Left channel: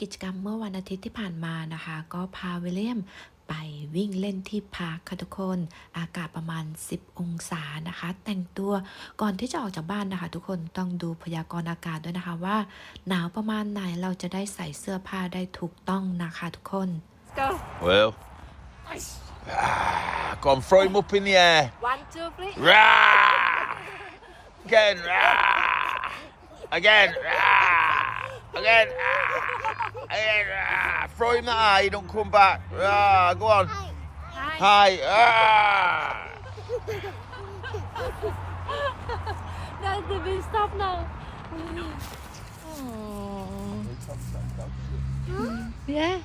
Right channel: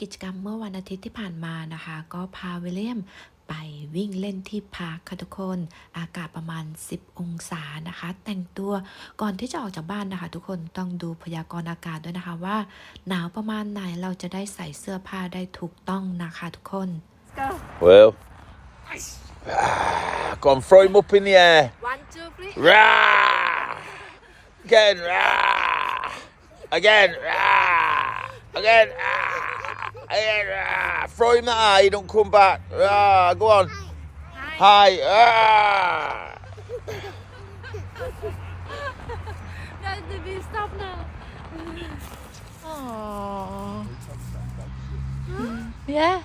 กิจกรรมเมื่อวันอาทิตย์ที่ผ่านมานะคะ ก็พาวิลเลียมไปวิ่งเล่นที่พาร์คค่ะทุกคน อากาศประมาณ 10 องศานะคะ แต่งตัวก่อนที่จะออกจากบ้านนะคะ ทุกคนต้องดูพยากรณ์อากาศด้วยนะคะว่า หนาวประมาณไหนเราจะได้ใส่เสื้อผ้าได้ถูกต้องนะคะทุกคน Well, go on, throw him up in the air. One, two, three. Yeah. Again. Yeah. Again. Yeah. Again. Yeah. Throw him don't come back. Yeah, go on. Hi. High. Yeah. No, the stop now. Oh. Yeah.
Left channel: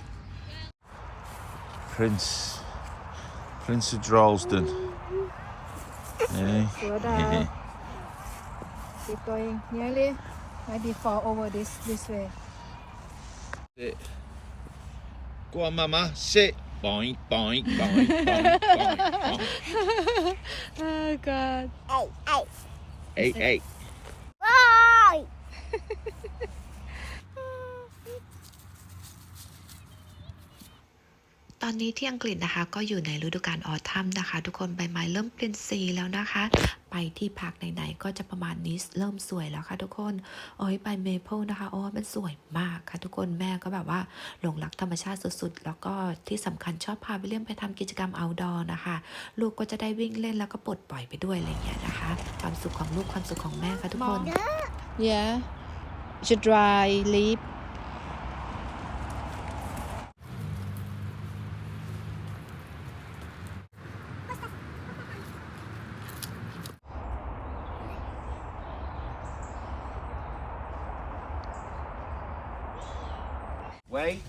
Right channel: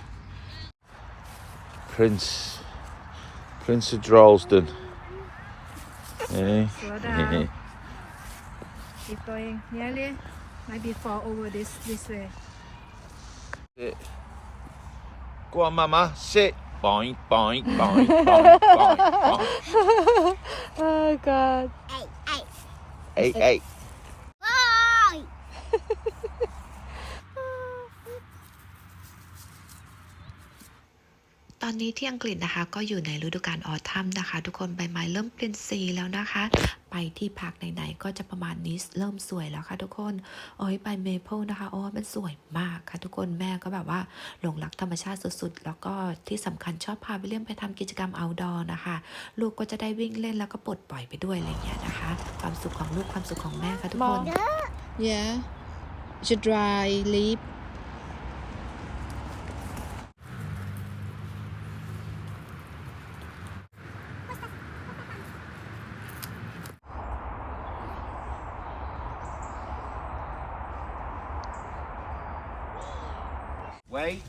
Prince. Prince of Droylsden. Yeah. Slow down. Keep going. Nearly. Maybe fall over this this way. Sit. Go on, Mama. Sit. Boink, boink, boink, boink, boink, boink. Oh God. Hey, hey. Hey, hey. ตอนนี้ที่อังกฤษนะคะ ก็อยู่ในฤดูกาลออทัมนะคะ ทุกคนใบไม้เริ่มเปลี่ยนสีแล้วนะคะ ไปที่พักไหนๆก็จะประมาณนี้เริ่มสวยแล้วค่ะทุกคนโอ้ยใบเมเปิลนะคะโอ้มันสวยมากค่ะทุกคนแม่ก็แบบว่าหลงรักธรรมชาติสุดๆ แล้วก็ที่สำคัญชอบพาวิลเลียมไปทำกิจกรรม outdoor นะคะ ลูกก็จะได้วิ่งเล่นแล้วก็ปลดปล่อยไปด้วยอะไรอย่างเงี้ยนะคะ ความสุขของลูกความสุขของแม่ค่ะทุกคน Yeah. Should dry leaf. Wait.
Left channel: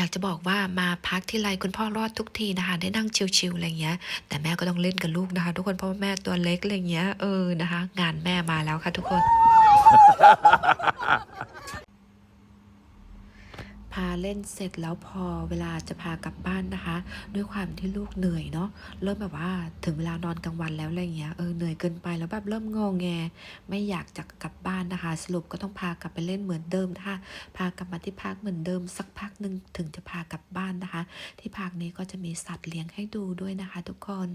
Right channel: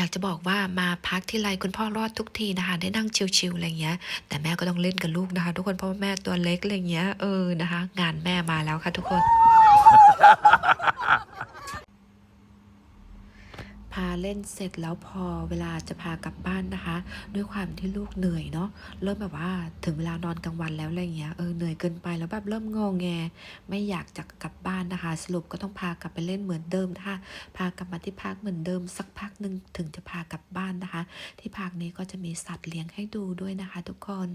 อยากจะบอกว่ามาพักที่ไรคุณพ่อรอดทุกทีนะคะ ได้นั่งชิลๆอะไรเงี้ย แต่แม่ก็ต้องเล่นกับลูกนะคะ ทุกคนเพราะว่าแม่ตัวเล็กอะไรเงี้ยเออนะคะ งานแม่มาแล้วค่ะทุกคนาเล่นเสร็จแล้วพอเวลาจะพากลับบ้านนะคะ ด้วยความที่ลูกเหนื่อยเนาะเริ่มแบบว่าถึงเวลานอนกลางวันแล้วอะไรเงี้ยเออเหนื่อยเกินไปแล้วแบบเริ่มงอแง ไม่อยากจะกลับบ้านนะคะ สรุปก็ต้องพากลับไปเล่นเหมือนเดิมนะคะพากลับมาที่พักเหมือนเดิมสักพักหนึ่งถึงจะพากลับบ้านนะคะ ที่พักนี้ก็จะมีสัตว์เลี้ยงให้ดูด้วยนะคะ ทุกคน